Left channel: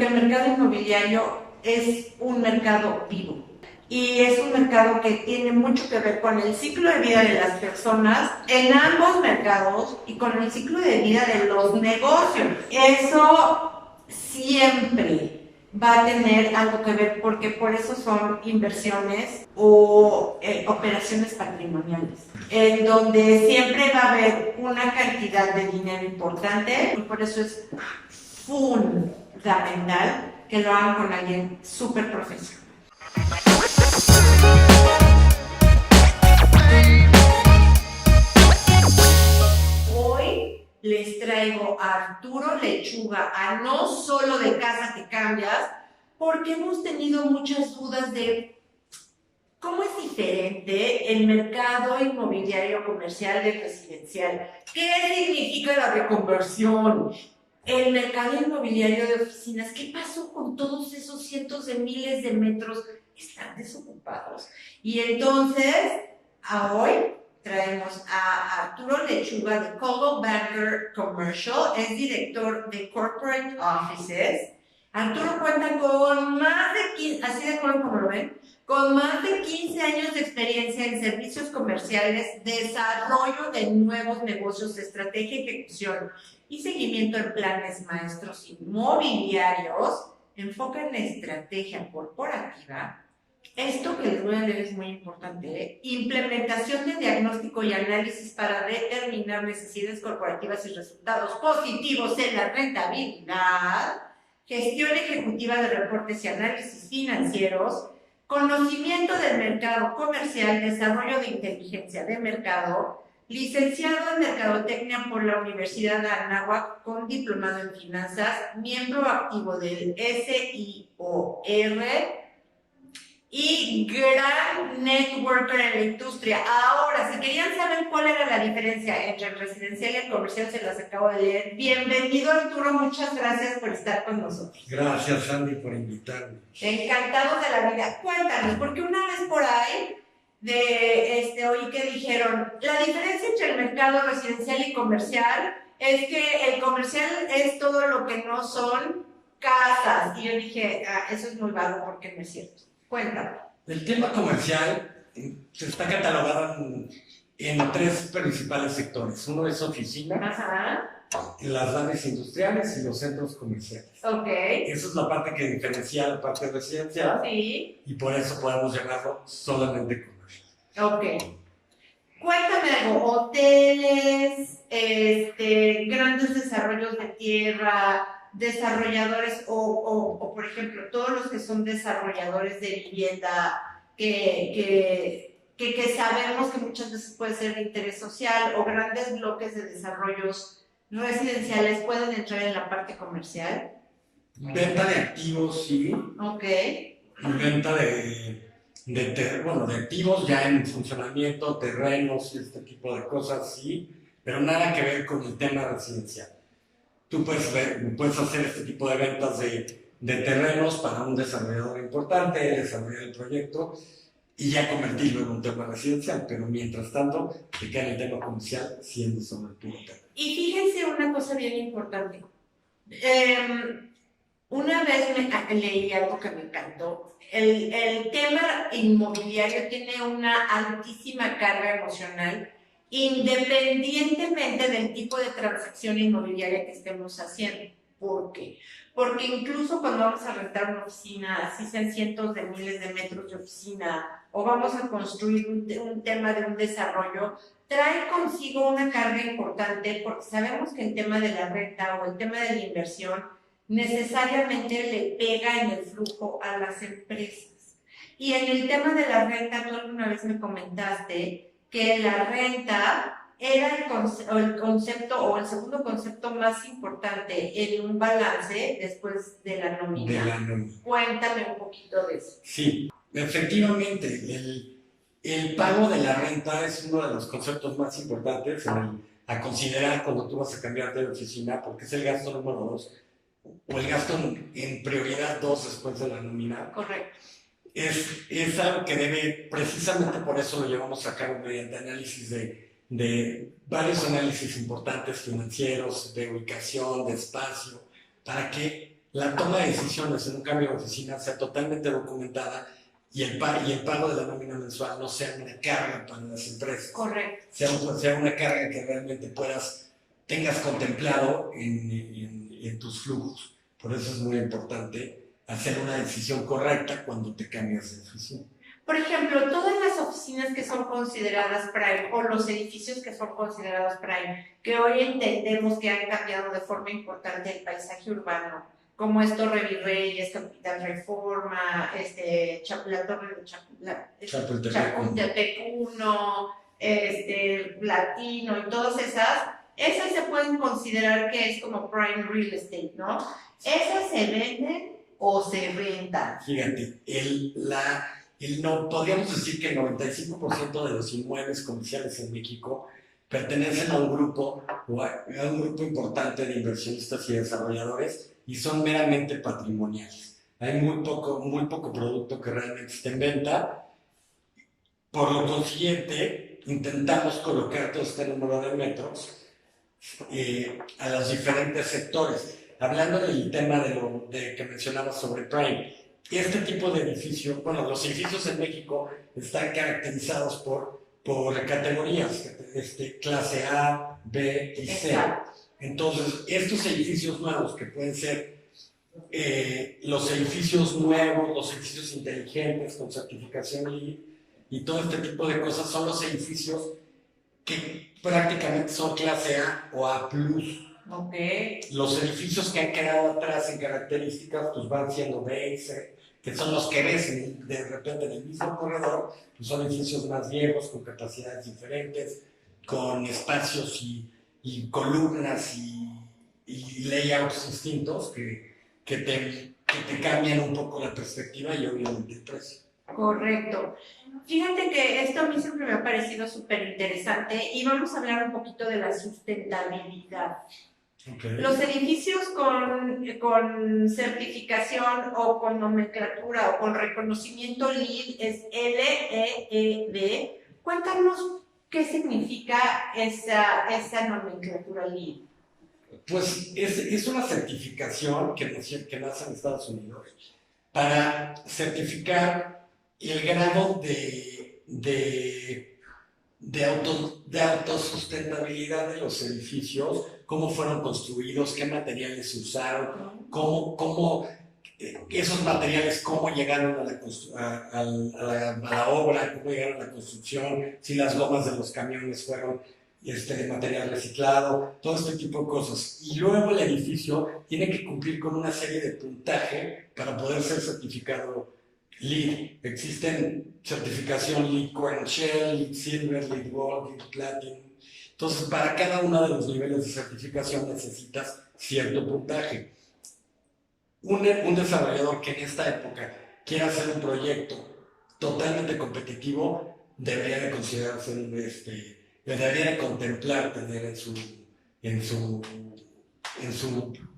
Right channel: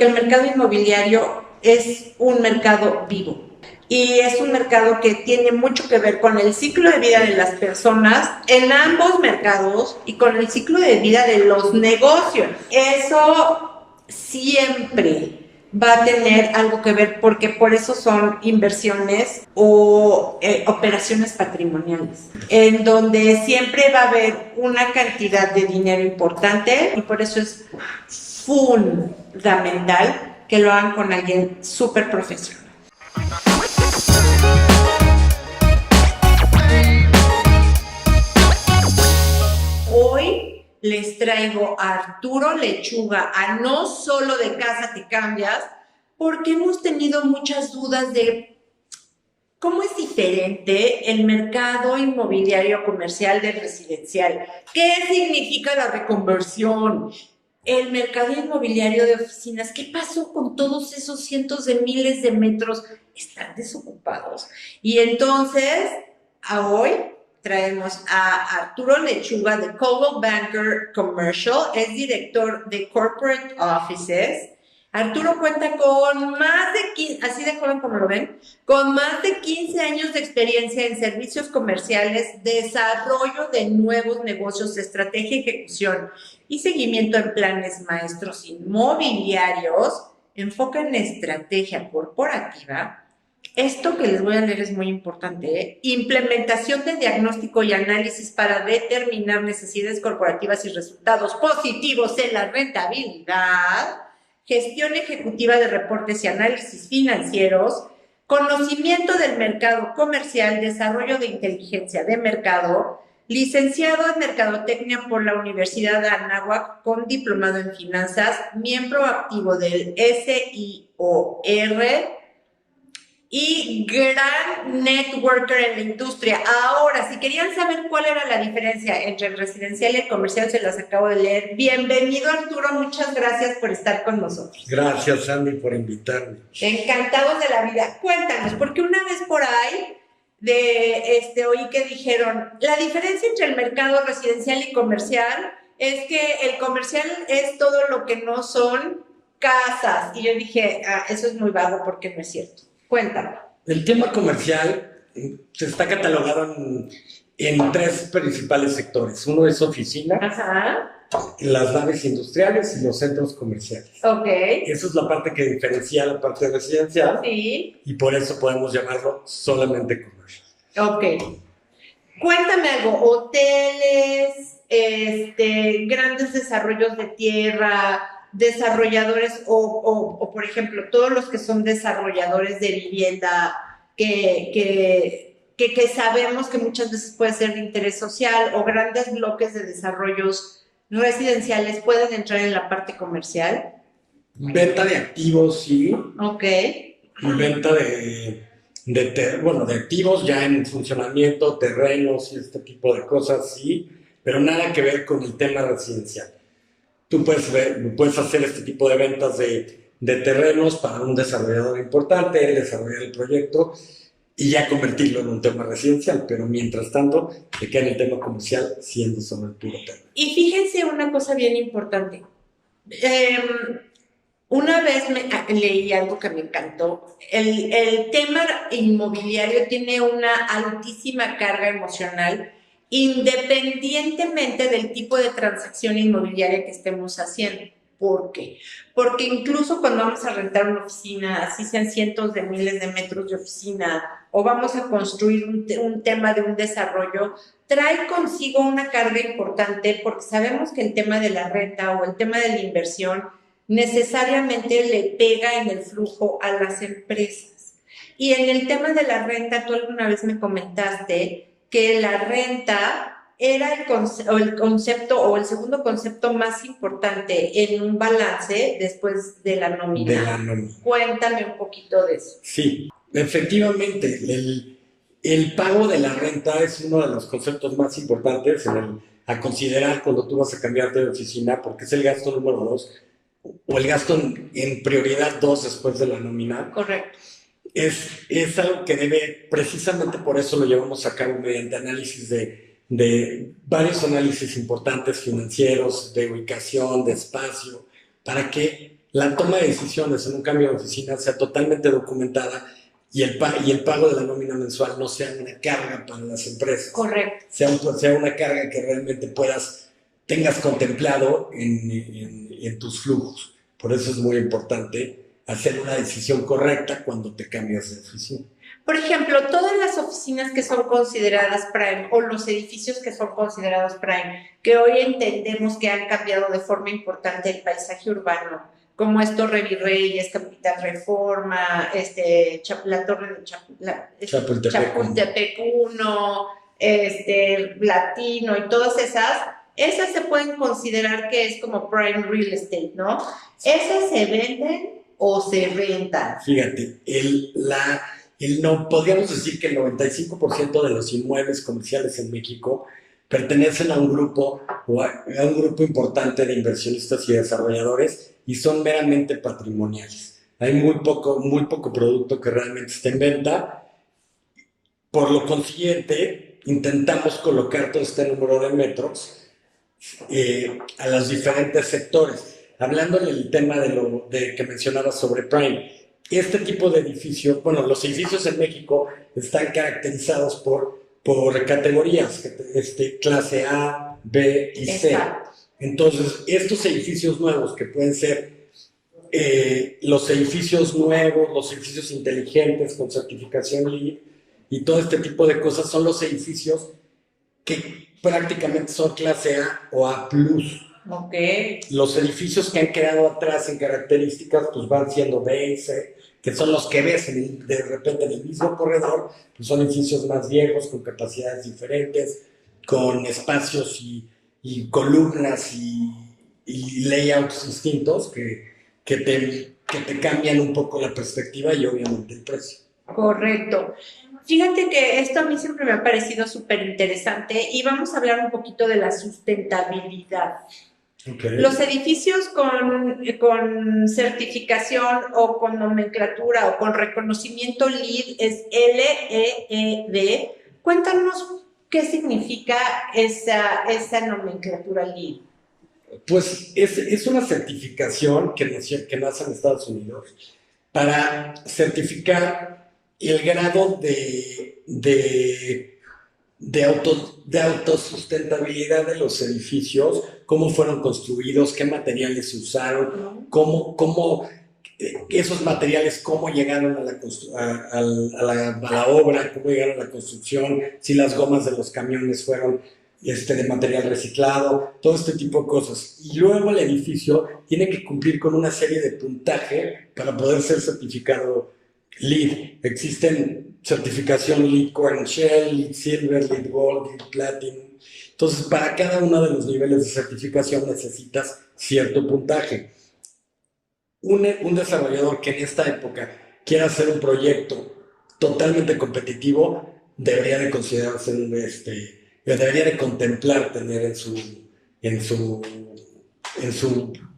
El mercado inmobiliario es un mercado vivo y es un mercado que tiene mucho que ver con el ciclo de vida de las personas en ambos mercados y con el ciclo de vida de los negocios. Eso siempre va a tener algo que ver porque por eso son inversiones o operaciones patrimoniales, en donde siempre va a haber una cantidad de dinero importante y por eso es fundamental que lo hagan con alguien súper profesional. Hoy les traigo a Arturo Lechuga, a No Solo de Casa Te Cambias, porque hemos tenido muchas dudas de cómo es diferente el mercado inmobiliario comercial del residencial. ¿Qué significa la reconversión? El mercado inmobiliario de oficinas, ¿qué pasó con todos esos cientos de miles de metros? Están desocupados. Y entonces, a hoy traemos a Arturo Lechuga de Coldwell Banker Commercial, es director de Corporate Offices. Arturo cuenta con más de 15, así de joven como lo ven, con más de 15 años de experiencia en servicios comerciales, desarrollo de nuevos negocios, estrategia y ejecución y seguimiento en planes maestros inmobiliarios, enfoca en estrategia corporativa. Esto que les voy a leer es muy importante, ¿eh? Implementación de diagnóstico y análisis para determinar necesidades corporativas y resultados positivos en la rentabilidad, gestión ejecutiva de reportes y análisis financieros, conocimiento del mercado comercial, desarrollo de inteligencia de mercado, licenciado en Mercadotecnia por la Universidad de Anáhuac con diplomado en finanzas, miembro activo del SIOR y gran networker en la industria. Ahora, si querían saber cuál era la diferencia entre el residencial y el comercial, se las acabo de leer. Bienvenido, Arturo, muchas gracias por estar con nosotros. Gracias, Andy, por invitarme. Encantados de la vida. Cuéntanos, porque una vez por ahí oí que dijeron, la diferencia entre el mercado residencial y comercial es que el comercial es todo lo que no son casas. Y yo dije, eso es muy vago porque no es cierto. Cuéntame. El tema comercial se está catalogado en tres principales sectores. Uno es oficina, Ajá. las naves industriales y los centros comerciales. Ok. Esa es la parte que diferencia la parte residencial. Sí. Y por eso podemos llamarlo solamente comercial. Ok. Cuéntame algo, hoteles, grandes desarrollos de tierra, desarrolladores por ejemplo, todos los que son desarrolladores de vivienda que sabemos que muchas veces puede ser de interés social o grandes bloques de desarrollos residenciales pueden entrar en la parte comercial. Venta de activos, sí. Ok. Y venta de activos ya en funcionamiento, terrenos y este tipo de cosas, sí, pero nada que ver con el tema residencial. Tú puedes hacer este tipo de ventas de terrenos para un desarrollador importante, desarrollar el proyecto y ya convertirlo en un tema residencial, pero mientras tanto te queda en el tema comercial siendo solo el puro tema. Y fíjense una cosa bien importante. Una vez leí algo que me encantó. El tema inmobiliario tiene una altísima carga emocional, independientemente del tipo de transacción inmobiliaria que estemos haciendo. ¿Por qué? Porque incluso cuando vamos a rentar una oficina, así sean cientos de miles de metros de oficina, o vamos a construir un tema de un desarrollo, trae consigo una carga importante porque sabemos que el tema de la renta o el tema de la inversión necesariamente le pega en el flujo a las empresas. Y en el tema de la renta, tú alguna vez me comentaste que la renta era el concepto o el segundo concepto más importante en un balance después de la nómina. De la nómina. Cuéntame un poquito de eso. Sí, efectivamente, el pago de la renta es uno de los conceptos más importantes a considerar cuando tú vas a cambiarte de oficina, porque es el gasto número 2 o el gasto en prioridad 2 después de la nómina. Correcto. Es algo que debe, precisamente por eso lo llevamos a cabo mediante análisis de varios análisis importantes financieros, de ubicación, de espacio, para que la toma de decisiones en un cambio de oficina sea totalmente documentada y el pago de la nómina mensual no sea una carga para las empresas. Correcto. Sea una carga que realmente tengas contemplado en tus flujos. Por eso es muy importante hacer una decisión correcta cuando te cambias de oficina. Por ejemplo, todas las oficinas que son consideradas Prime o los edificios que son considerados Prime, que hoy entendemos que han cambiado de forma importante el paisaje urbano, como es Torre Virreyes, Capital Reforma, la Torre de Chapultepec 1, Latino y todas esas se pueden considerar que es como Prime Real Estate, ¿no? ¿Esas se venden o se rentan? Fíjate, no, podríamos decir que el 95% de los inmuebles comerciales en México pertenecen a un grupo importante de inversionistas y desarrolladores y son meramente patrimoniales. Hay muy poco producto que realmente esté en venta. Por lo consiguiente, intentamos colocar todo este número de metros a los diferentes sectores. Hablando del tema que mencionaba sobre Prime, este tipo de edificios, bueno, los edificios en México están caracterizados por categorías, clase A, B y C. Exacto. Entonces, estos edificios nuevos que pueden ser los edificios nuevos, los edificios inteligentes con certificación LEED y todo este tipo de cosas son los edificios que prácticamente son clase A o A+. Okay. Los edificios que han quedado atrás en características pues van siendo B y C, que son los que ves de repente en el mismo corredor, pues son edificios más viejos, con capacidades diferentes, con espacios y columnas y layouts distintos que te cambian un poco la perspectiva y obviamente el precio. Correcto. Fíjate que esto a mí siempre me ha parecido súper interesante y vamos a hablar un poquito de la sustentabilidad. Okay. Los edificios con certificación o con nomenclatura o con reconocimiento LEED es LEED. Cuéntanos qué significa esa nomenclatura LEED. Pues es una certificación que nace en Estados Unidos para certificar el grado de autosustentabilidad de los edificios, cómo fueron construidos, qué materiales se usaron, cómo esos materiales, cómo llegaron a la obra, cómo llegaron a la construcción, si las gomas de los camiones fueron de material reciclado, todo este tipo de cosas. Y luego el edificio tiene que cumplir con una serie de puntaje para poder ser certificado LEED. Existen certificación LEED Core & Shell, LEED Silver, LEED Gold, LEED Platinum. Entonces, para cada uno de los niveles de certificación necesitas cierto puntaje. Un desarrollador que en esta época quiera hacer un proyecto totalmente competitivo debería de considerarse debería de contemplar tener en su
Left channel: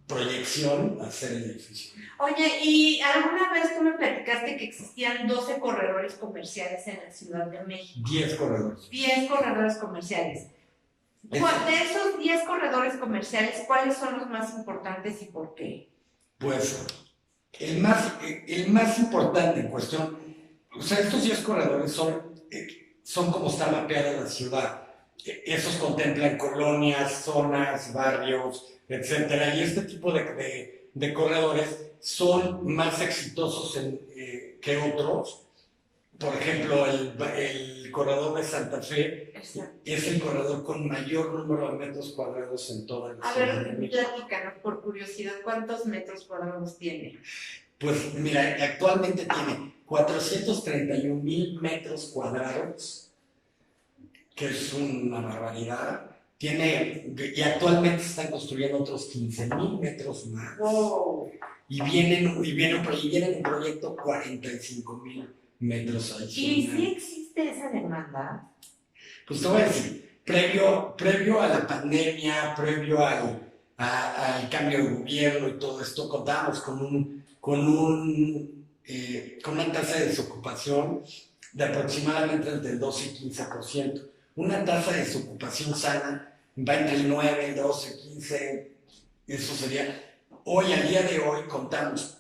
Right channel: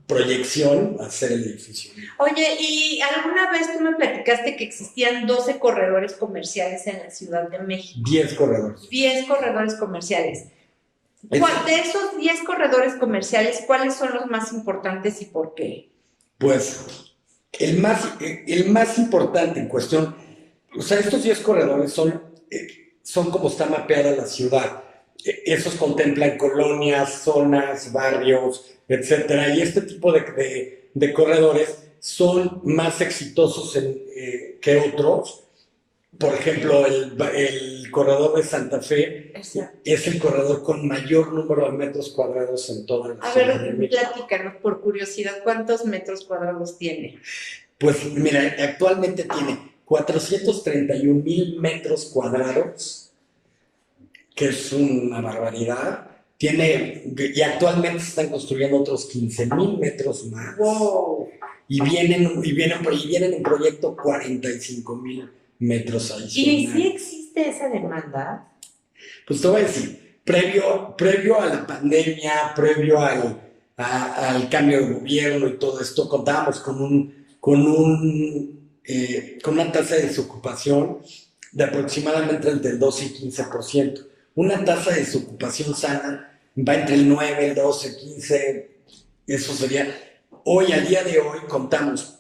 proyección hacer el edificio. Oye, ¿y alguna vez tú me platicaste que existían 12 corredores comerciales en la Ciudad de México? 10 corredores. 10 corredores comerciales. De esos 10 corredores comerciales, ¿cuáles son los más importantes y por qué? Pues el más importante en cuestión, o sea, estos 10 corredores son como está mapeada la ciudad. Esos contemplan colonias, zonas, barrios, etcétera. Y este tipo de corredores son más exitosos que otros. Por ejemplo, el corredor de Santa Fe es el corredor con mayor número de metros cuadrados en toda la ciudad de México. Platícanos, por curiosidad, ¿cuántos metros cuadrados tiene? Pues mira, actualmente tiene 431,000 metros cuadrados, que es una barbaridad. Y actualmente se están construyendo otros 15,000 metros más. Wow. Y vienen en proyecto 45,000 metros adicionales. ¿Y si existe esa demanda? Pues te voy a decir, previo a la pandemia, previo al cambio de gobierno y todo esto, contábamos con una tasa de desocupación de aproximadamente entre el 12 y 15%. Una tasa de desocupación sana va entre el 9, el 12, 15, eso sería. hoy, al día de hoy, contamos,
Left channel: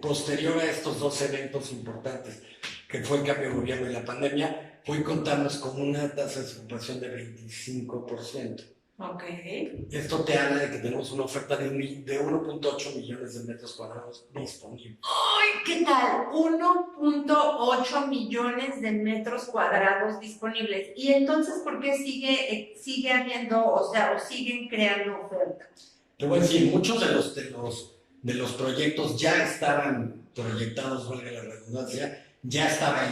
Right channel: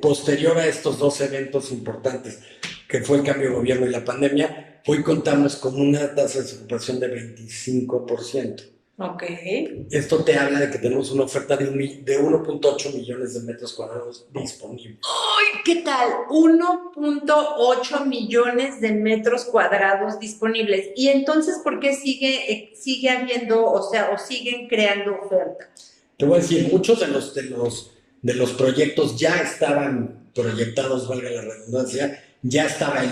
posterior a estos dos eventos importantes, que fue el cambio de gobierno y la pandemia, hoy contamos con una tasa de desocupación de 25%. Ok. Esto te habla de que tenemos una oferta de 1.8 millones de metros cuadrados disponibles. ¡Ay, qué tal! 1.8 millones de metros cuadrados disponibles. Y entonces, ¿por qué sigue habiendo, o siguen creando oferta? Te voy a decir, muchos de los proyectos ya estaban proyectados, valga la redundancia, ya estaba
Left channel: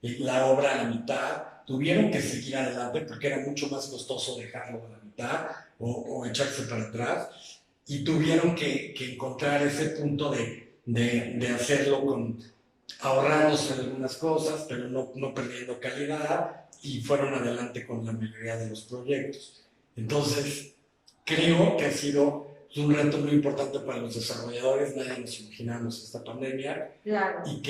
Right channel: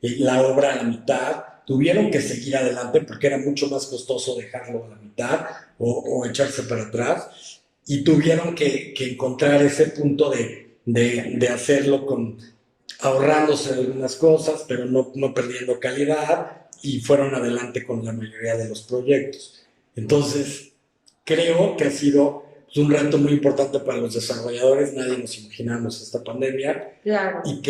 la obra a la mitad, tuvieron que seguir adelante porque era mucho más costoso dejarlo a la mitad o echarse para atrás, y tuvieron que encontrar ese punto de hacerlo ahorrándose algunas cosas, pero no perdiendo calidad, y fueron adelante con la mayoría de los proyectos. Entonces, creo que ha sido un reto muy importante para los desarrolladores. Nadie nos imaginamos esta pandemia. Claro. Y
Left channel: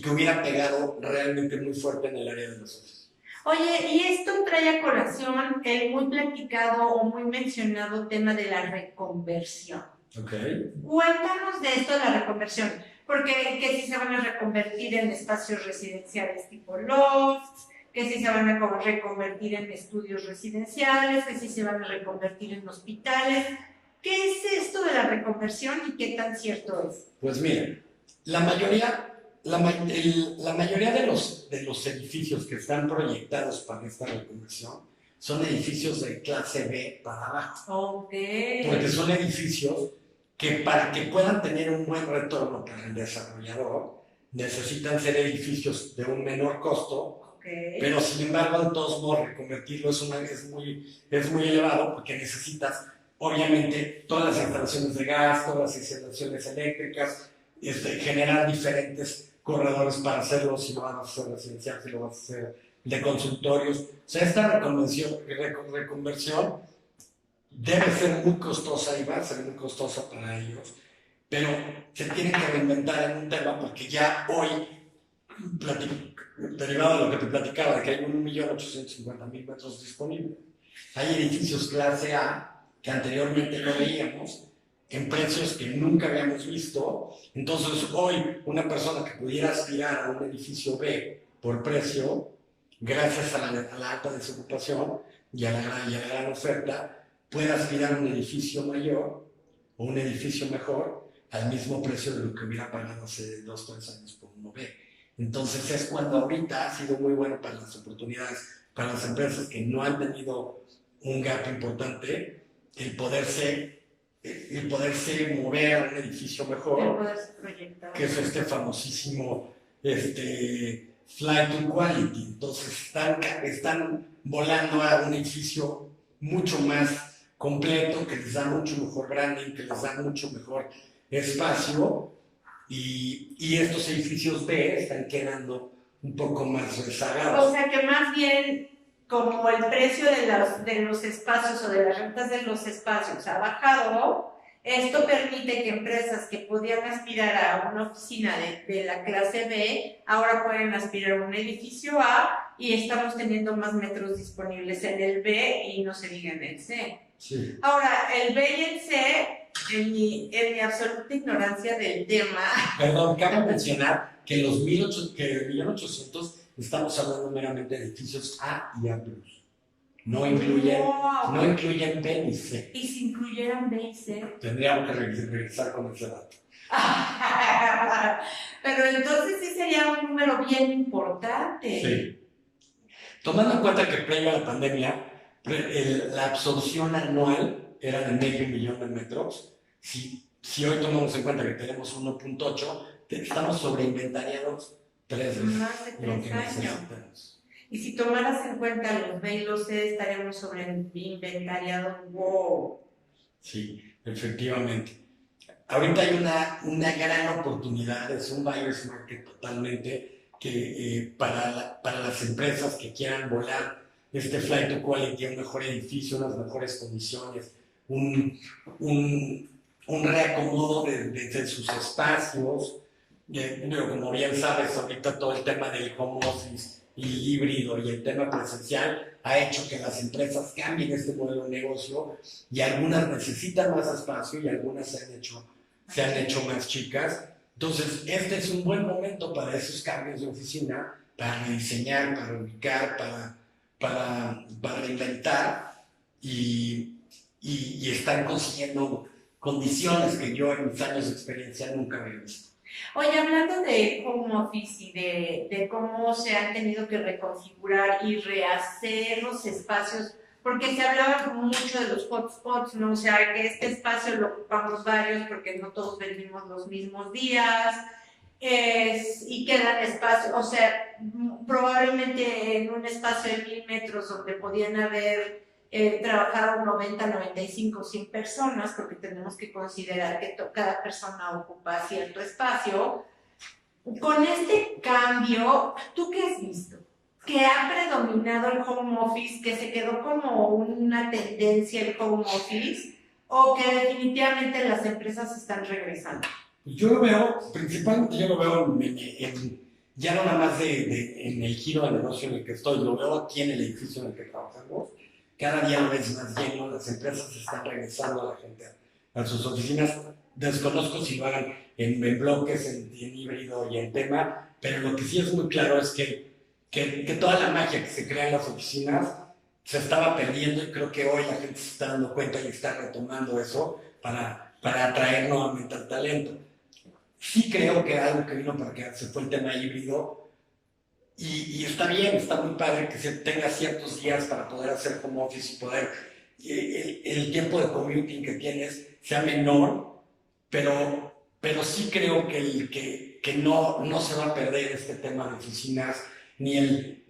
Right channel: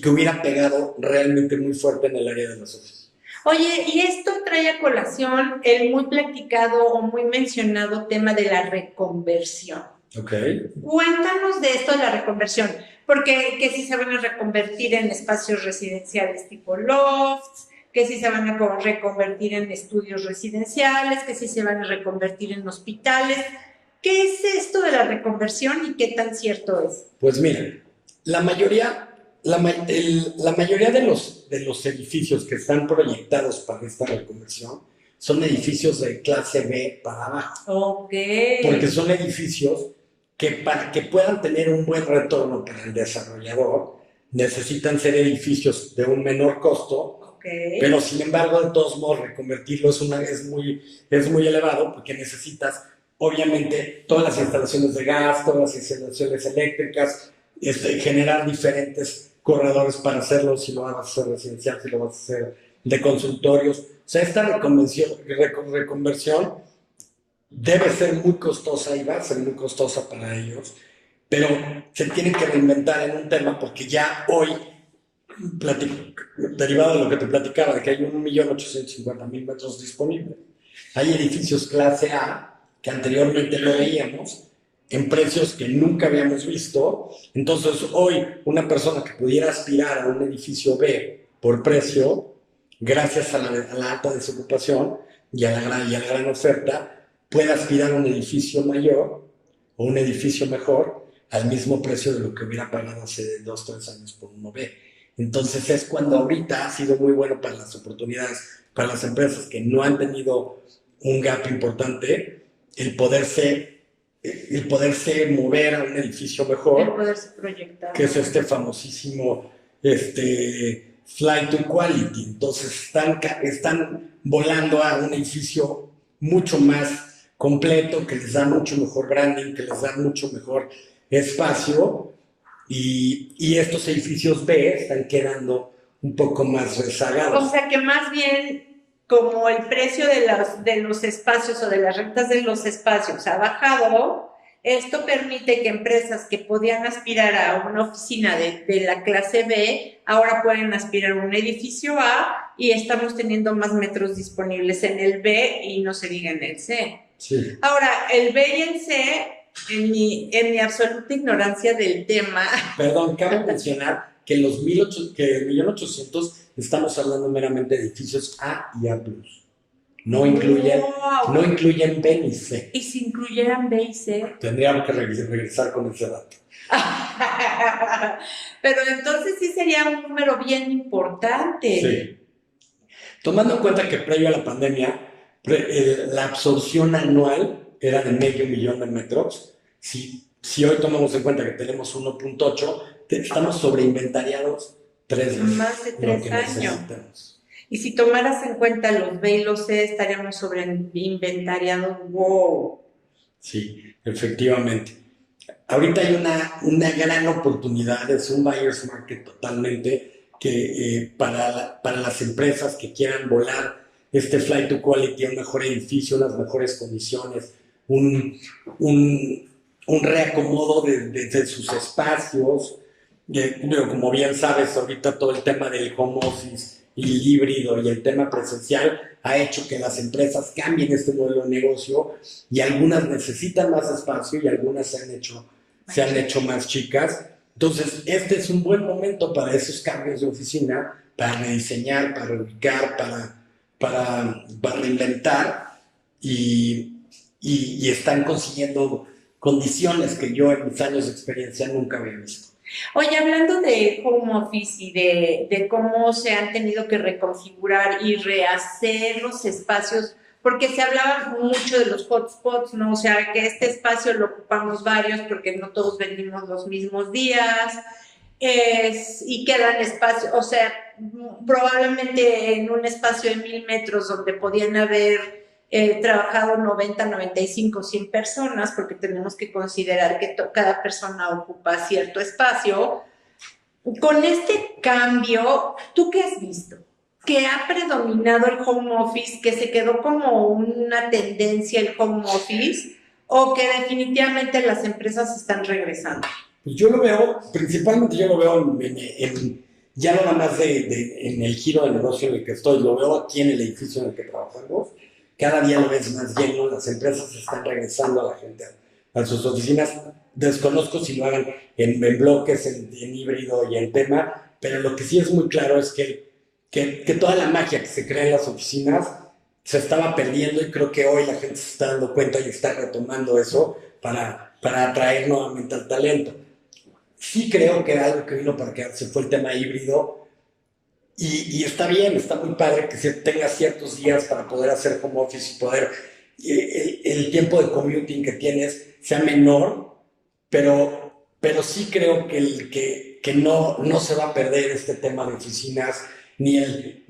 que hubiera pegado realmente muy fuerte en el área de las oficinas. Oye, y esto trae a colación el muy platicado o muy mencionado tema de la reconversión. Ok. Cuéntanos de esto de la reconversión, porque que si se van a reconvertir en espacios residenciales tipo lofts, que si se van a reconvertir en estudios residenciales, que si se van a reconvertir en hospitales. ¿Qué es esto de la reconversión y qué tan cierto es? Pues mira, la mayoría de los edificios que están proyectados para esta reconversión son edificios de clase B para abajo. Ok. Porque son edificios que, para que puedan tener un buen retorno para el desarrollador, necesitan ser edificios de un menor costo. Okay. Pero sin embargo, de todos modos, reconvertirlo es muy elevado, porque necesitas, obviamente, todas las instalaciones de gas, todas las instalaciones eléctricas, generar diferentes corredores para hacerlo, si lo vas a hacer residencial, si lo vas a hacer de consultorios. O sea, esta reconversión debe ser muy costosa y va a ser muy costosa para ellos, pero se tienen que reinventar en un tema, porque ya hoy, derivado de lo que te platicaba, de que hay 1.850.000 metros disponibles, hay edificios clase A que anteriormente no veíamos, en precios que nunca habíamos visto. Entonces hoy una persona que pudiera aspirar a un edificio B por precio, gracias a la alta desocupación y a la gran oferta, puede aspirar a un edificio mayor o un edificio mejor al mismo precio de lo que hubiera pagado hace 2 o 3 años por uno B. Entonces es cuando ahorita ha sido muy bueno para las oportunidades, para las empresas que no han tenido un gap importante, el poderse mover a un edificio mejor, el poderse proyectar, que es este famosísimo flight to quality. Entonces están volando a un edificio mucho más completo, que les da mucho mejor branding, que les da mucho mejor espacio, y estos edificios B están quedando un poco más rezagados. O sea que más bien, como el precio de los espacios o de las rentas de los espacios ha bajado, esto permite que empresas que podían aspirar a una oficina de la clase B, ahora pueden aspirar a un edificio A, y estamos teniendo más metros disponibles en el B y no se diga en el C. Sí. Ahora, el B y el C, en mi absoluta ignorancia del tema... Perdón, cabe mencionar que el 1.800.000 estamos hablando meramente de edificios A y A+. No incluyen B ni C. ¿Y si incluyeran B y C? Tendríamos que regresar con ese dato. Pero entonces sí sería un número bien importante. Sí. Tomando en cuenta que previo a la pandemia, la absorción anual era de 500.000 de metros. Si hoy tomamos en cuenta que tenemos 1.8, estamos sobreinventariados 3 veces. Más de 3 años. Y si tomaras en cuenta los B y los C, estaríamos sobreinventariados. ¡Wow! Sí, efectivamente. Ahorita hay una gran oportunidad, es un buyer's market totalmente, que para las empresas que quieran volar este flight to quality, un mejor edificio, unas mejores condiciones, un reacomodo de sus espacios. Pero como bien sabes, ahorita todo el tema del home office y el híbrido y el tema presencial ha hecho que las empresas cambien este modelo de negocio y algunas necesitan más espacio y algunas se han hecho más chicas. Entonces, este es un buen momento para esos cambios de oficina, para rediseñar, para ubicar, para reinventar y están consiguiendo condiciones que yo en mis años de experiencia nunca había visto. Oye, hablando de home office y de cómo se han tenido que reconfigurar y rehacer los espacios, porque se hablaba mucho de los hotspots, ¿no? O sea, que este espacio lo ocupamos varios porque no todos venimos los mismos días, y quedan espacios, o sea, probablemente en un espacio de 1000 metros donde podían haber trabajado 90, 95, 100 personas, porque tenemos que considerar que cada persona ocupa cierto espacio. Con este cambio, ¿tú qué has visto? ¿Que ha predominado el home office, que se quedó como una tendencia el home office, o que definitivamente las empresas están regresando? Pues yo lo veo, principalmente yo lo veo ya no nada más en el giro de negocio en el que estoy, lo veo aquí en el edificio en el que trabajamos. Cada día lo ves más lleno, las empresas están regresando a la gente a sus oficinas. Desconozco si lo hagan en bloques, en híbrido y en tema, pero lo que sí es muy claro es que toda la magia que se crea en las oficinas se estaba perdiendo y creo que hoy la gente se está dando cuenta y está retomando eso para atraer nuevamente al talento. Sí creo que algo que vino para quedarse fue el tema híbrido. Y está bien, está muy padre que se tenga ciertos días para poder hacer home office y poder el tiempo de commuting que tienes sea menor, pero sí creo que no se va a perder este tema de oficinas ni el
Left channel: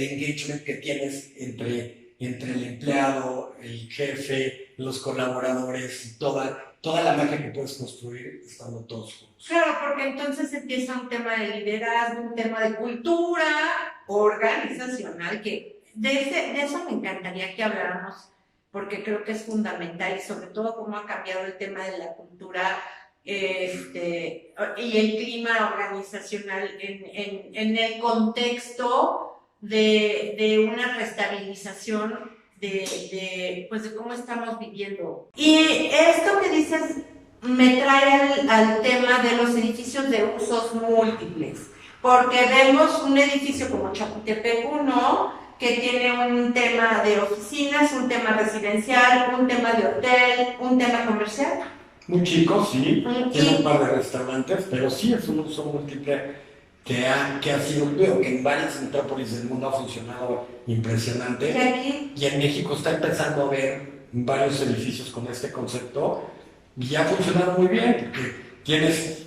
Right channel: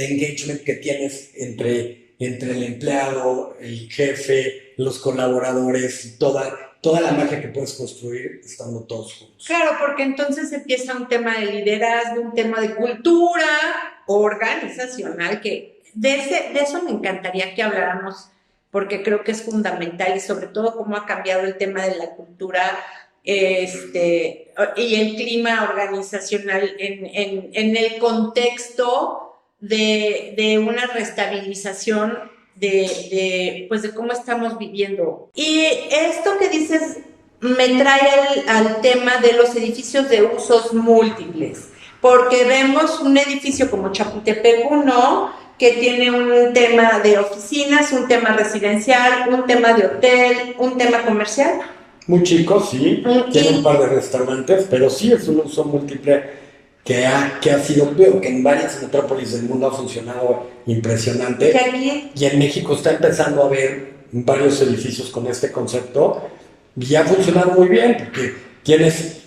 engagement que tienes entre el empleado, el jefe, los colaboradores y toda la magia que puedes construir estando todos juntos. Claro, porque entonces empieza un tema de liderazgo, un tema de cultura organizacional, que de eso me encantaría que habláramos, porque creo que es fundamental y sobre todo cómo ha cambiado el tema de la cultura y el clima organizacional en el contexto de una restabilización pues de cómo estamos viviendo. Y esto que dices me trae al tema de los edificios de usos múltiples, porque vemos un edificio como Chapultepec 1, que tiene un tema de oficinas, un tema residencial, un tema de hotel, un tema comercial. Muy chico, sí, tiene un par de restaurantes, pero sí es un uso múltiple que ha sido, veo que en varias metrópolis del mundo ha funcionado impresionante. Y en México está empezando a haber varios edificios con este concepto y ha funcionado muy bien porque tienes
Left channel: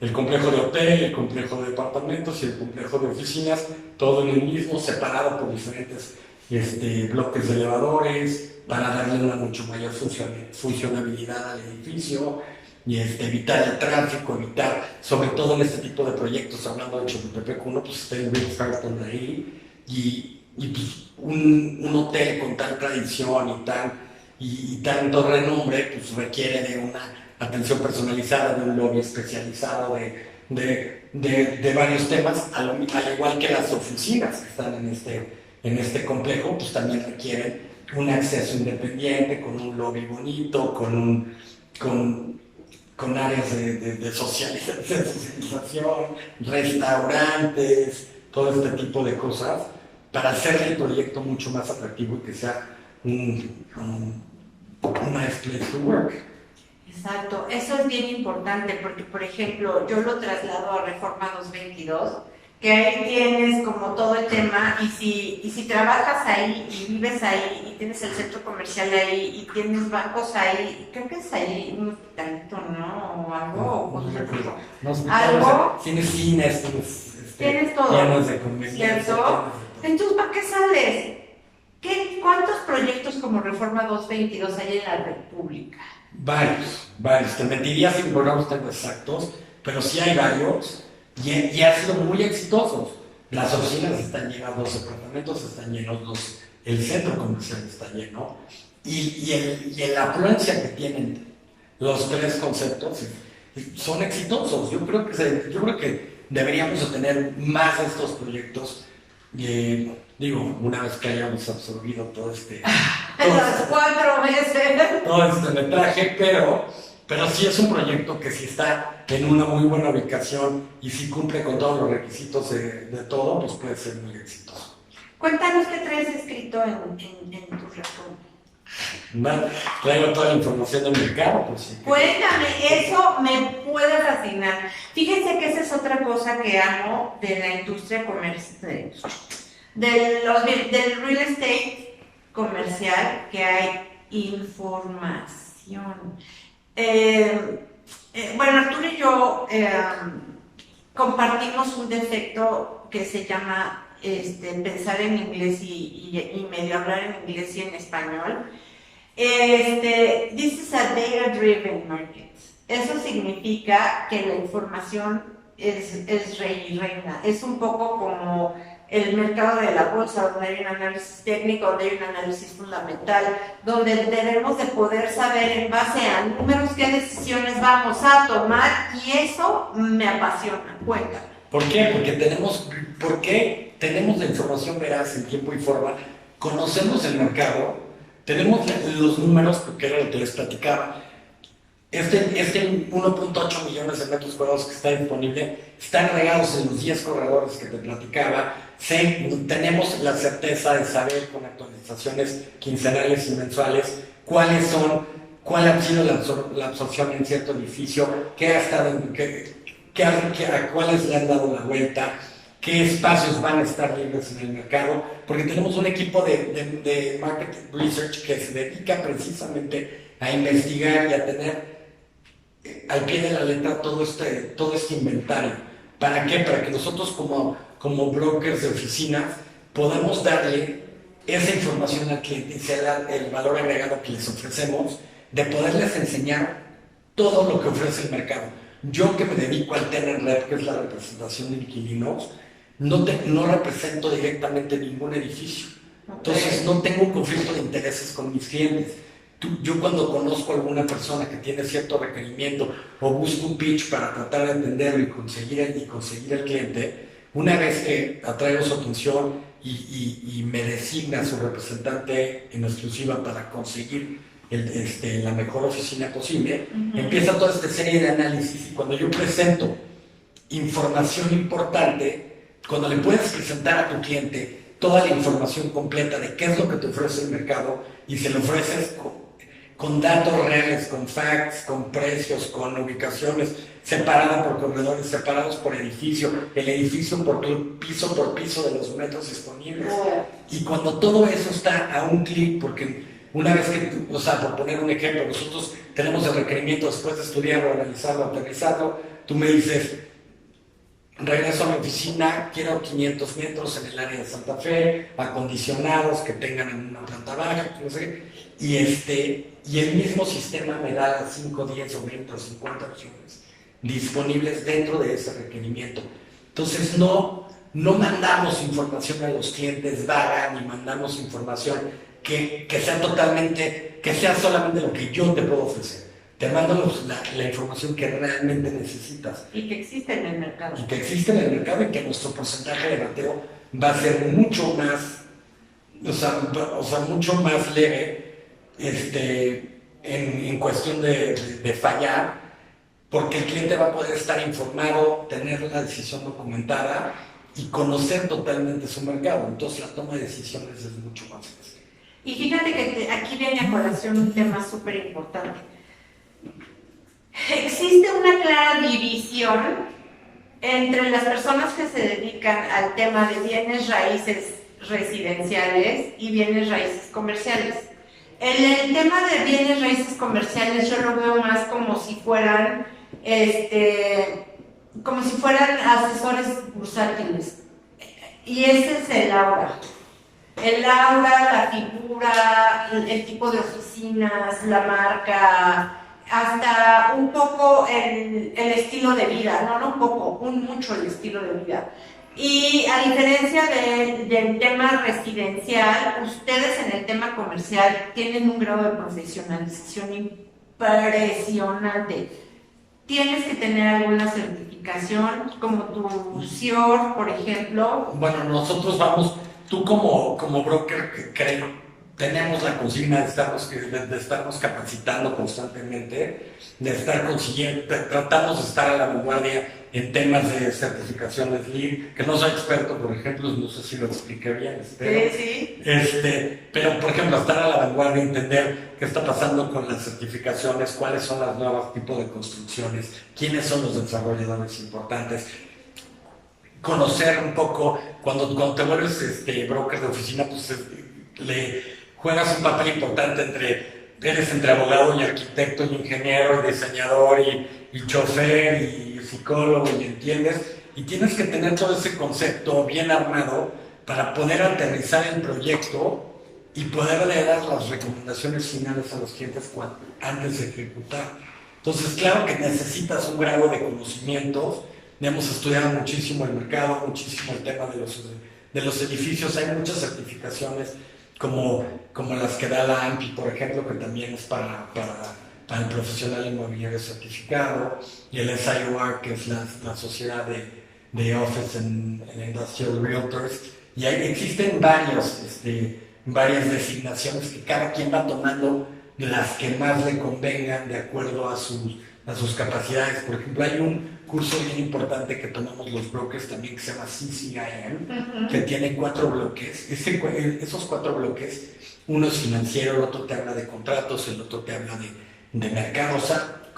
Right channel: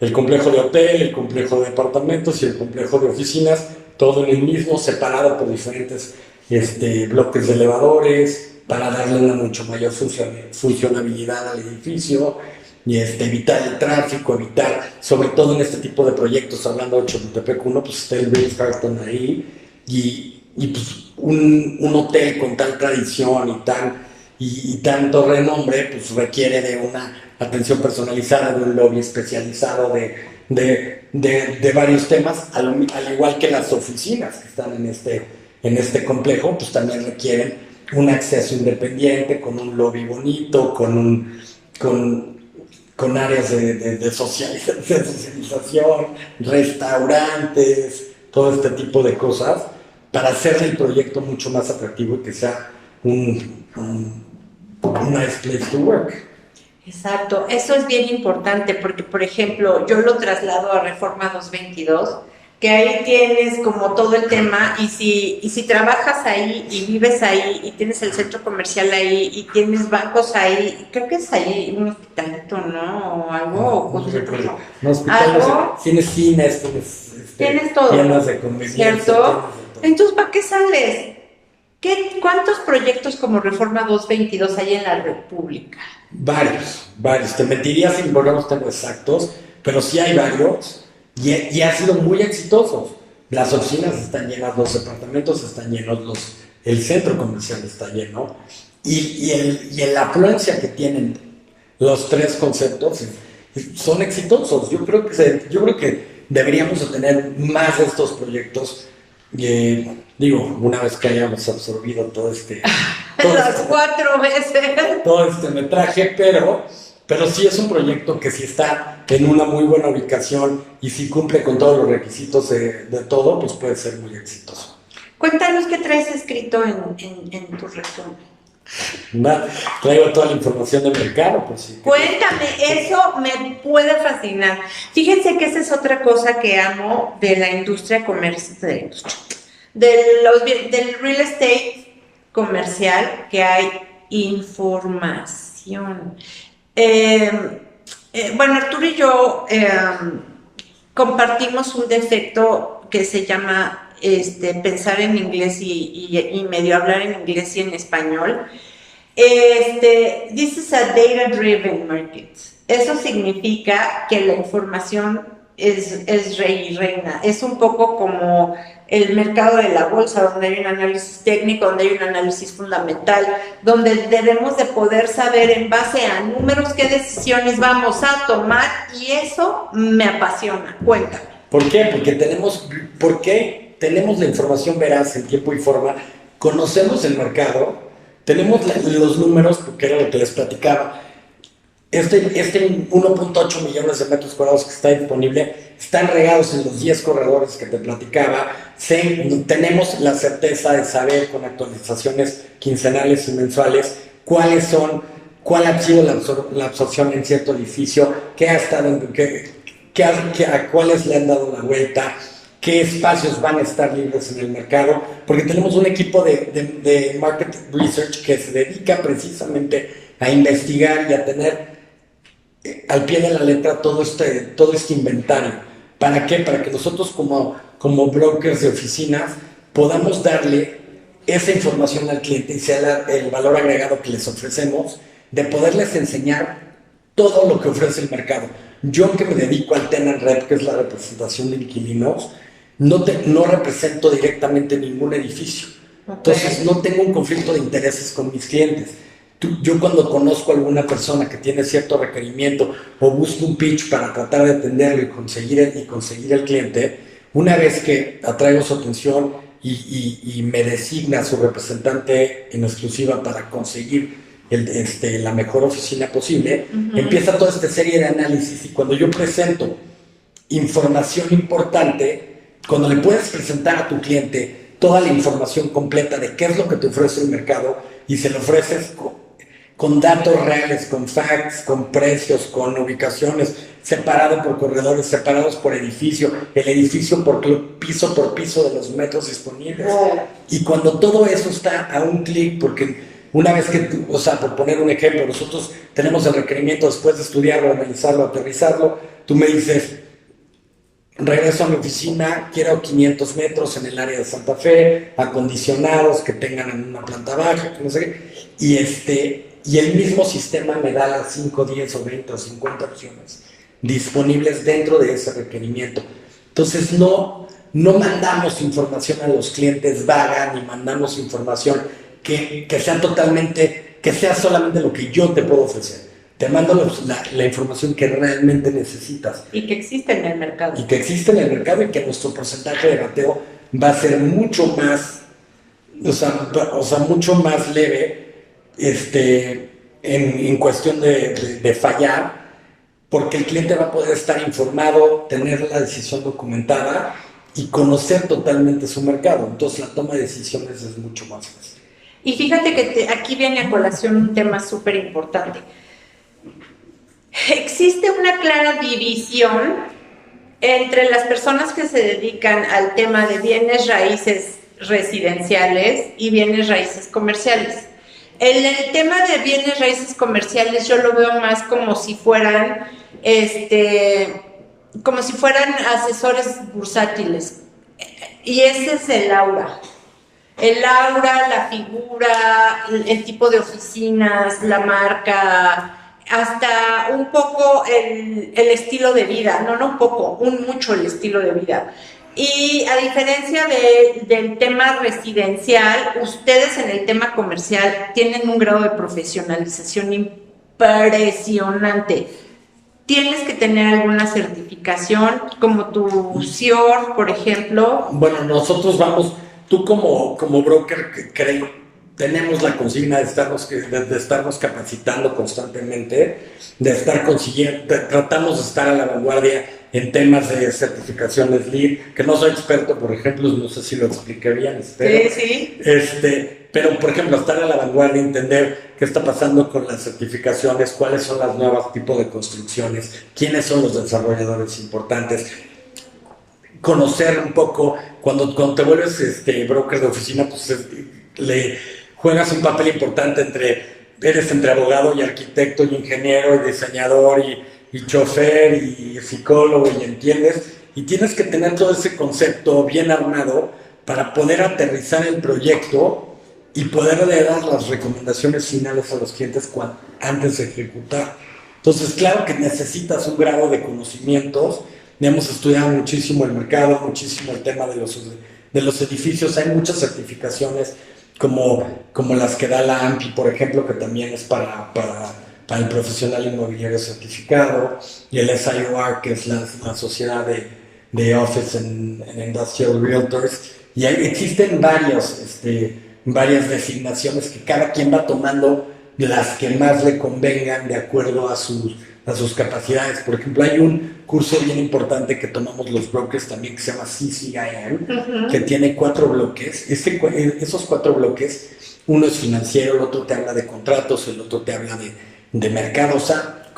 el complejo de hotel, el complejo de departamentos y el complejo de oficinas, todo en el mismo, separado por diferentes bloques de elevadores para darle una mucho mayor funcionabilidad al edificio y evitar el tráfico, evitar, sobre todo en este tipo de proyectos, hablando de Chapultepec 1, pues está el Ritz-Carlton ahí y pues un hotel con tal tradición y tanto renombre, pues requiere de una atención personalizada, de un lobby especializado, de varios temas, al igual que las oficinas que están en este complejo, pues también requieren un acceso independiente, con un lobby bonito, con áreas de socialización, restaurantes, todo este tipo de cosas, para hacer el proyecto mucho más atractivo y que sea un nice place to work. Exacto, eso es bien importante porque, por ejemplo, yo lo traslado a Reforma 222, que ahí tienes como todo el tema y si trabajas ahí y vives ahí y tienes el centro comercial ahí y tienes bancos ahí, creo que es ahí un hospitalito, ¿no? O algo. No, hospitales, tienes cines, tienes todo. Llenos de conveniencia. ¿Cierto? Entonces, ¿para qué sales? ¿Cuántos proyectos como Reforma 222 hay en la República? Varios. Te mentiría si no los tengo exactos, pero sí hay varios y han sido muy exitosos. Las oficinas están llenas, los departamentos están llenos, el centro comercial está lleno y la afluencia que tienen los tres conceptos son exitosos. Yo creo que deberíamos tener más de estos proyectos Digo, una vez que hayamos absorbido Las 4 veces. todo este metraje, pero sí es un proyecto que si está en una muy buena ubicación y si cumple con todos los requisitos de todo, pues puede ser muy exitoso. Cuéntanos qué traes escrito en tu resumen. Traigo toda la información del mercado, pues sí. Cuéntame, eso me puede fascinar. Fíjense que esa es otra cosa que amo de la industria comercial, del real estate comercial, que hay información. Bueno, Arturo y yo compartimos un defecto que se llama pensar en inglés y medio hablar en inglés y en español. This is a data-driven market. Eso significa que la información es rey y reina. Es un poco como el mercado de la bolsa, donde hay un análisis técnico, donde hay un análisis fundamental, donde debemos de poder saber en base a números qué decisiones vamos a tomar, y eso me apasiona. Cuéntame. ¿Por qué? Porque tenemos la información veraz en tiempo y forma, conocemos el mercado, tenemos los números, porque era lo que les platicaba. Este 1.8 millones de metros cuadrados que está disponible están regados en los 10 corredores que te platicaba. Tenemos la certeza de saber con actualizaciones quincenales y mensuales cuál ha sido la absorción en cierto edificio, qué ha estado, a cuáles le han dado la vuelta, qué espacios van a estar libres en el mercado, porque tenemos un equipo de market research que se dedica precisamente a investigar y a tener al pie de la letra todo este inventario. ¿Para qué? Para que nosotros como brokers de oficinas podamos darle esa información al cliente y sea el valor agregado que les ofrecemos, de poderles enseñar todo lo que ofrece el mercado. Yo, que me dedico al tenant rep, que es la representación de inquilinos, no represento directamente ningún edificio. Entonces no tengo un conflicto de intereses con mis clientes. Yo, cuando conozco a alguna persona que tiene cierto requerimiento o busco un pitch para tratar de atenderlo y conseguir el cliente, una vez que atraigo su atención y me designa su representante en exclusiva para conseguir la mejor oficina posible, empieza toda esta serie de análisis, y cuando yo presento información importante, cuando le puedes presentar a tu cliente toda la información completa de qué es lo que te ofrece el mercado, y se lo ofreces con datos reales, con facts, con precios, con ubicaciones, separado por corredores, separados por edificio, el edificio por piso de los metros disponibles. Y cuando todo eso está a un clic, porque una vez que por poner un ejemplo, nosotros tenemos el requerimiento después de estudiarlo, analizarlo, aterrizarlo, tú me dices: regreso a mi oficina, quiero 500 metros en el área de Santa Fe, acondicionados, que tengan en una planta baja, que no sé qué, y el mismo sistema me da 5, 10 o 20 o 50 opciones disponibles dentro de ese requerimiento. Entonces no mandamos información a los clientes vaga, ni mandamos información que sea solamente lo que yo te puedo ofrecer. Te mando la información que realmente necesitas. Y que existe en el mercado. Y que nuestro porcentaje de bateo va a ser mucho más, mucho más leve, en cuestión de fallar, porque el cliente va a poder estar informado, tener la decisión documentada y conocer totalmente su mercado. Entonces la toma de decisiones es mucho más fácil. Y fíjate que aquí viene a colación un tema súper importante. Existe una clara división entre las personas que se dedican al tema de bienes raíces residenciales y bienes raíces comerciales. El tema de bienes raíces comerciales yo lo veo más como si fueran asesores bursátiles, y ese es el aura, la figura, el tipo de oficinas, la marca, hasta un poco el estilo de vida, mucho el estilo de vida. Y a diferencia del tema residencial, ustedes en el tema comercial tienen un grado de profesionalización impresionante. tienes que tener alguna certificación, como tu CIOR, por ejemplo. Bueno, nosotros vamos, tú como broker que tenemos la consigna de estarnos capacitando constantemente, de estar consiguiendo, tratamos de estar a la vanguardia en temas de certificaciones LEED, que no soy experto, por ejemplo, no sé si lo expliqué bien, espero. Sí. Pero, por ejemplo, estar a la vanguardia, entender qué está pasando con las certificaciones, cuáles son las nuevas tipos de construcciones, quiénes son los desarrolladores importantes, conocer un poco, cuando te vuelves broker de oficina, pues le juegas un papel importante eres entre abogado y arquitecto y ingeniero y diseñador y chofer y psicólogo y entiendes, y tienes que tener todo ese concepto bien armado para poder aterrizar el proyecto y poderle dar las recomendaciones finales a los clientes antes de ejecutar. Entonces, claro que necesitas un grado de conocimientos. Hemos estudiado muchísimo el mercado, muchísimo el tema de los edificios. Hay muchas certificaciones como las que da la AMPI, por ejemplo, que también es para el profesional inmobiliario certificado, y el SIOR, que es la sociedad de Office and Industrial Realtors. Y existen varias designaciones que cada quien va tomando las que más le convengan de acuerdo a sus capacidades. Por ejemplo, hay un curso bien importante que tomamos los brokers también que se llama CCIM, que tiene 4 bloques. Esos 4 bloques, uno es financiero, el otro te habla de contratos, el otro te habla de mercado. O sea,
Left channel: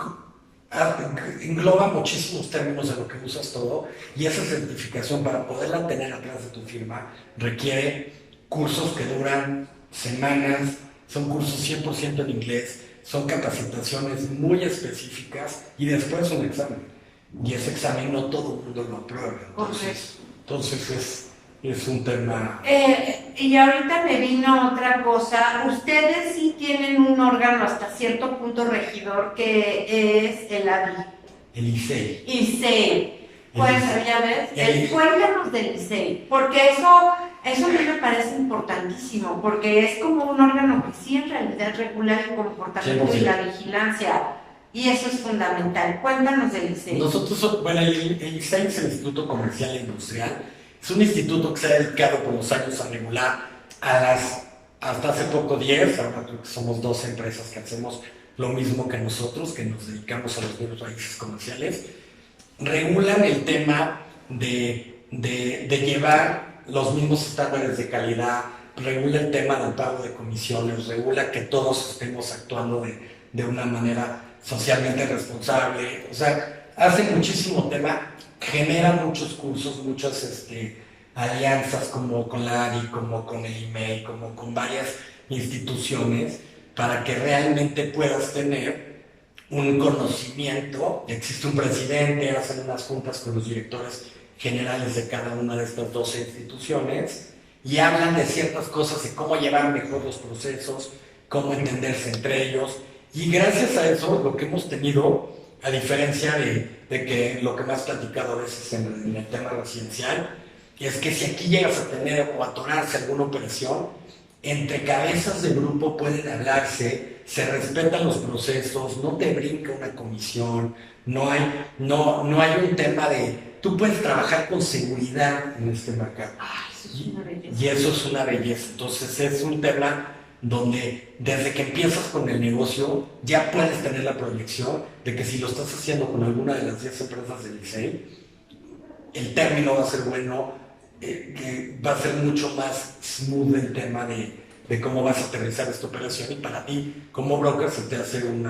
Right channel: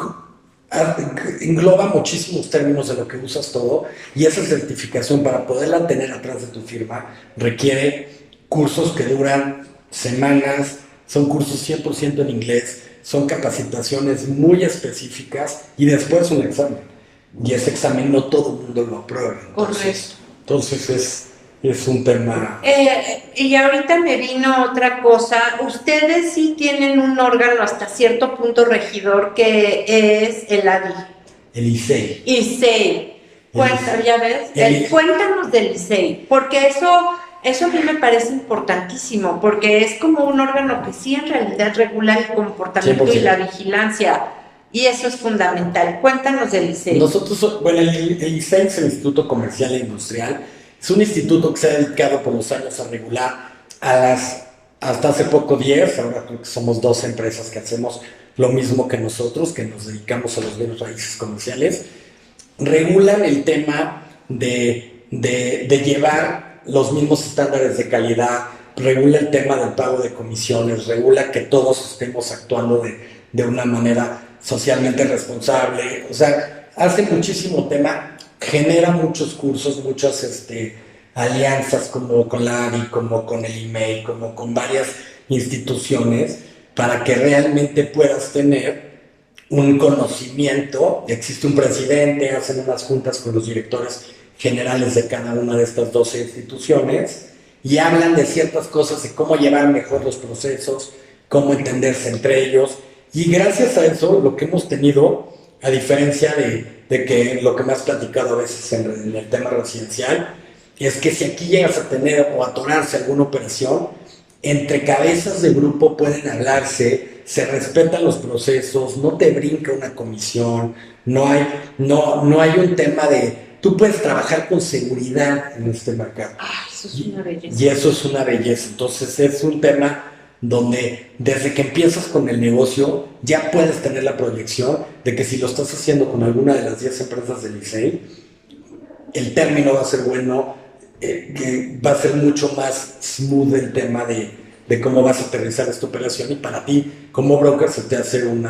engloba muchísimos términos de lo que usas todo, y esa certificación, para poderla tener atrás de tu firma, requiere cursos que duran semanas, son cursos 100% en inglés, son capacitaciones muy específicas y después un examen. Y ese examen no todo el mundo lo aprueba. Entonces es un tema... Y ahorita me vino otra cosa. Ustedes sí tienen un órgano hasta cierto punto regidor que es el ADI. El ICEI. ICEI. ¿Ya ves? Cuéntanos del ICEI, porque eso a mí me parece importantísimo, porque es como un órgano que sí en realidad regula el comportamiento 100%. Y la vigilancia, y eso es fundamental. Cuéntanos del ICEI. El ICEI es el Instituto Comercial e Industrial. Es un instituto que se ha dedicado por los años a regular hasta hace poco 10, ahora creo que somos 2 empresas que hacemos lo mismo que nosotros, que nos dedicamos a los bienes raíces comerciales. Regulan el tema de llevar los mismos estándares de calidad, regula el tema del pago de comisiones, regula que todos estemos actuando de una manera socialmente responsable. O sea, hace muchísimo tema, genera muchos cursos, muchas alianzas como con la ARI, como con el IMEI, como con varias instituciones, para que realmente puedas tener un conocimiento. Existe un presidente, hacen unas juntas con los directores generales de cada una de estas 12 instituciones y hablan de ciertas cosas, de cómo llevar mejor los procesos, cómo entenderse entre ellos. Y gracias a eso, lo que hemos tenido, a diferencia de que lo que me has platicado a veces en el tema residencial, es que si aquí llegas a tener o atorarse alguna operación, entre cabezas de grupo pueden hablarse, se respetan los procesos, no te brinca una comisión, no hay un tema de... Tú puedes trabajar con seguridad en este mercado. Eso es una belleza. Y eso es una belleza. Entonces es un tema donde desde que empiezas con el negocio ya puedes tener la proyección de que si lo estás haciendo con alguna de las 10 empresas del ICEI, el término va a ser bueno, que va a ser mucho más smooth el tema de cómo vas a aterrizar esta operación, y para ti como broker se te hace un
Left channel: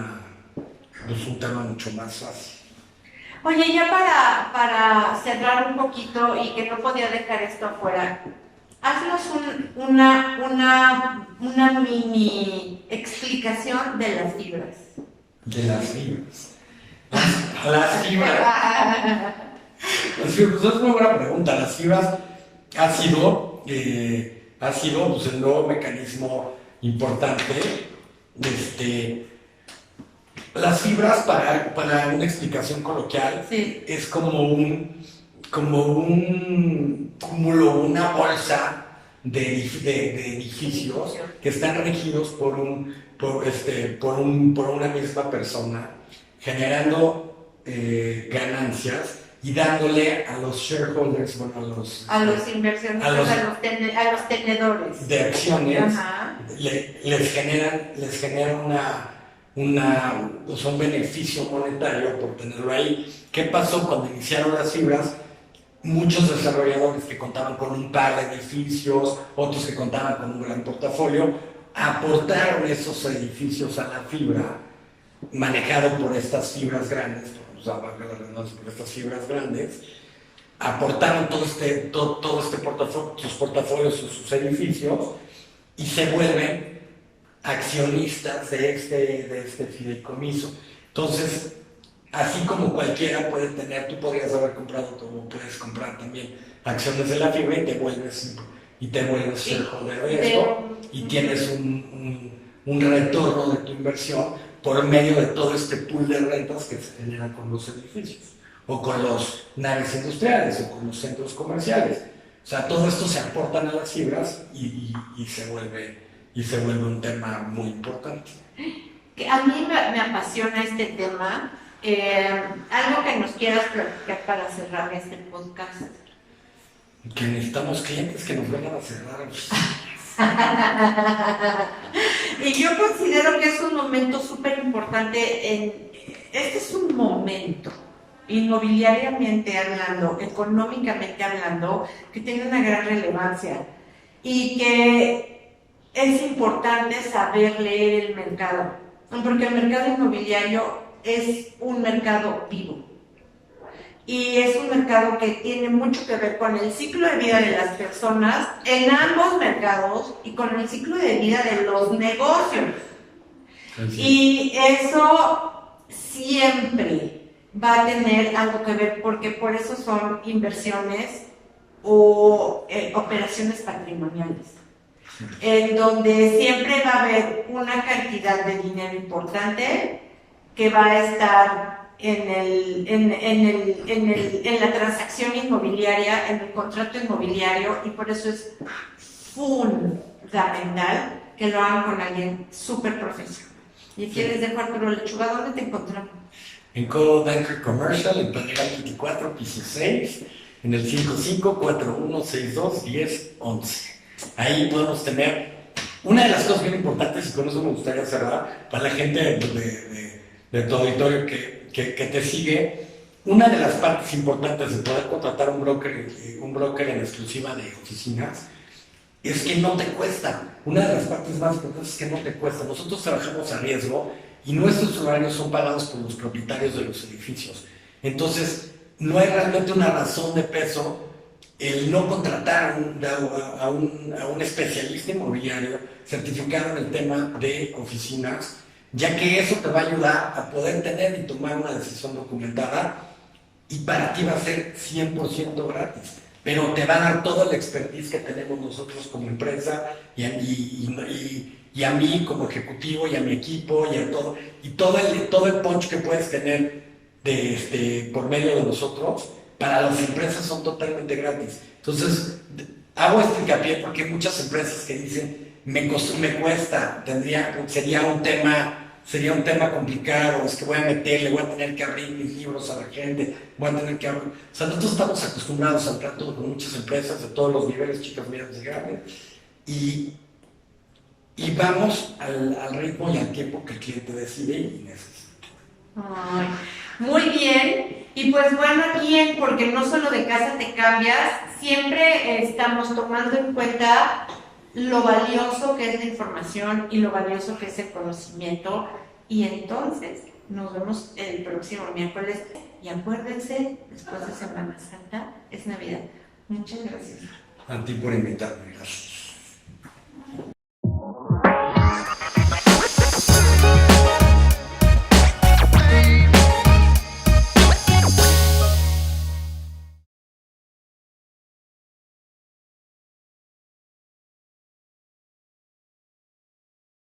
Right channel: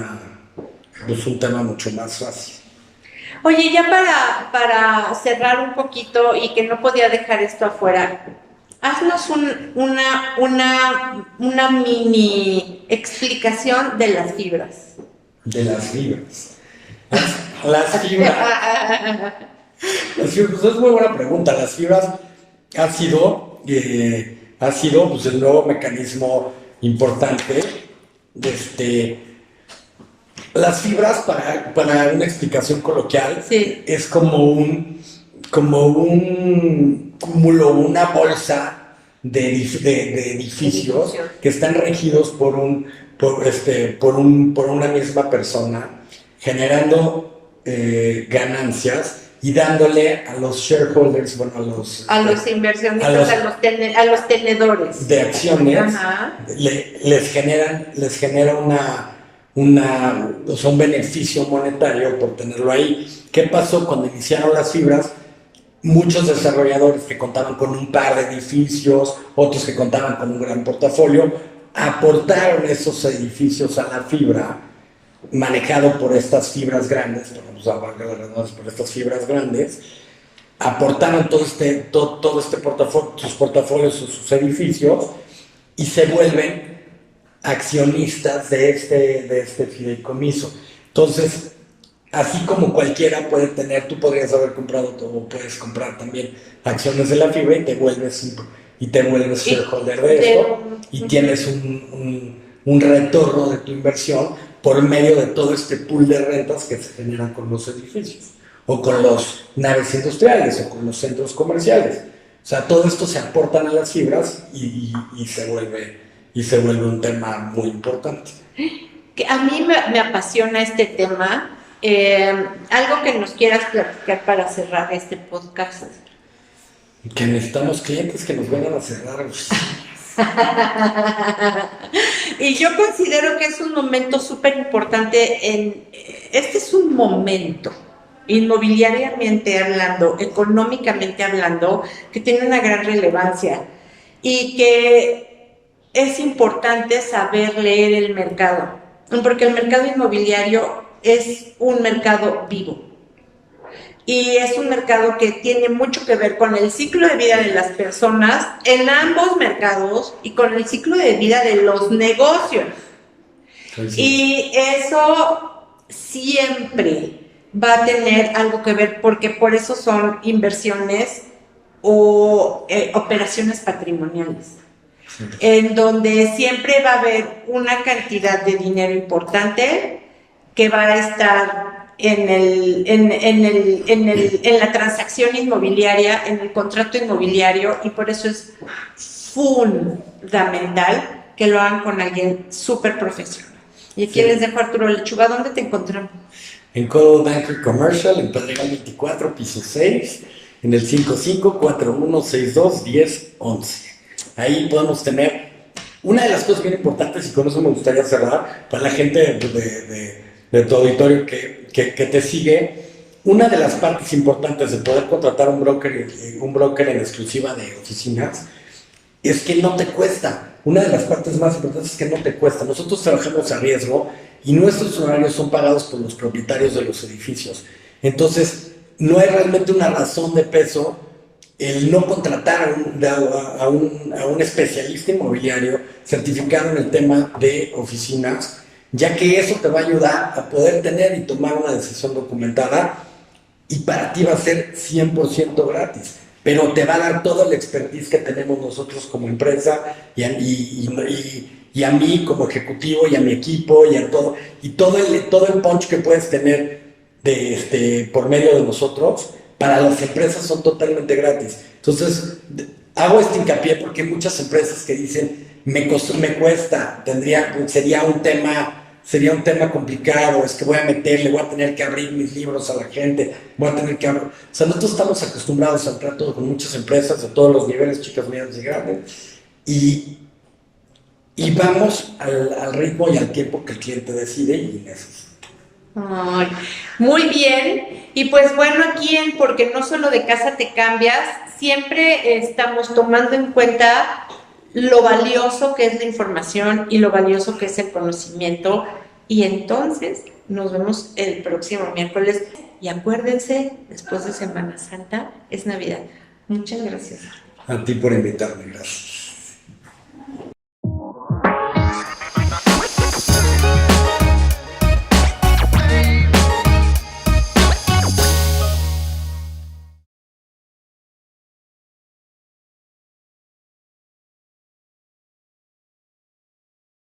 tema mucho más fácil. Oye, ya para cerrar un poquito, y que no podía dejar esto afuera, haznos una mini explicación de las fibras. De las fibras. Las fibras. Es muy buena pregunta. Las fibras ha sido pues, el nuevo mecanismo importante. Las fibras, para una explicación coloquial, sí, es como un cúmulo, una bolsa de edificios que están regidos por una misma persona, generando ganancias y dándole a los shareholders, bueno, a los inversionistas, a los tenedores de acciones, Ajá. les genera o sea, un beneficio monetario por tenerlo ahí. ¿Qué pasó cuando iniciaron las fibras? Muchos desarrolladores que contaban con un par de edificios, otros que contaban con un gran portafolio, aportaron esos edificios a la fibra, manejado por estas fibras grandes, por estas fibras grandes, aportaron todo este portafolio, sus portafolios, sus edificios, y se vuelven accionistas de este fideicomiso. Entonces, así como cualquiera puede tener, tú podrías haber comprado o puedes comprar también acciones de la fibra y te vuelves shareholder de esto y tienes un retorno de tu inversión por medio de todo este pool de rentas que se generan con los edificios o con las naves industriales o con los centros comerciales. O sea, todo esto se aportan a las fibras y se vuelve un tema muy importante. Que a mí me apasiona este tema. Algo que nos quieras platicar para cerrar este podcast. Que necesitamos clientes que nos vengan a cerrar. Y yo considero que es un momento súper importante. Este es un momento, inmobiliariamente hablando, económicamente hablando, que tiene una gran relevancia y que es importante saber leer el mercado, porque el mercado inmobiliario es un mercado vivo y es un mercado que tiene mucho que ver con el ciclo de vida de las personas en ambos mercados y con el ciclo de vida de los negocios. Y eso siempre va a tener algo que ver, porque por eso son inversiones o operaciones patrimoniales, en donde siempre va a haber una cantidad de dinero importante que va a estar en la transacción inmobiliaria, en el contrato inmobiliario, y por eso es fundamental que lo hagan con alguien súper profesional. Y aquí les dejo a Arturo Lechuga. ¿Dónde te encontramos? En Coldwell Banker Commercial, en Pedregal 24, piso 6, en el 5541621011. Ahí podemos tener una de las cosas bien importantes, y con eso me gustaría cerrar, para la gente de tu auditorio que te sigue. Una de las partes importantes de poder contratar un broker en exclusiva de oficinas es que no te cuesta. Una de las partes más importantes es que no te cuesta. Nosotros trabajamos a riesgo y nuestros honorarios son pagados por los propietarios de los edificios. Entonces, no hay realmente una razón de peso el no contratar a un especialista inmobiliario certificado en el tema de oficinas, ya que eso te va a ayudar a poder tener y tomar una decisión documentada, y para ti va a ser 100% gratis, pero te va a dar todo el expertise que tenemos nosotros como empresa y a mí como ejecutivo y a mi equipo y todo el punch que puedes tener por medio de nosotros. Para las empresas son totalmente gratis. Entonces, hago este hincapié porque hay muchas empresas que dicen, me cuesta, sería un tema complicado, es que voy a tener que abrir mis libros a la gente, o sea, nosotros estamos acostumbrados al trato con muchas empresas de todos los niveles, chicas, medianas y grandes, y vamos al ritmo y al tiempo que el cliente decide y necesita. Ay, muy bien. Y pues bueno, aquí Porque no solo de casa te cambias, siempre estamos tomando en cuenta lo valioso que es la información y lo valioso que es el conocimiento. Y entonces nos vemos el próximo miércoles. Y acuérdense, después de Semana Santa es Navidad. Muchas gracias. A ti por invitarme, gracias.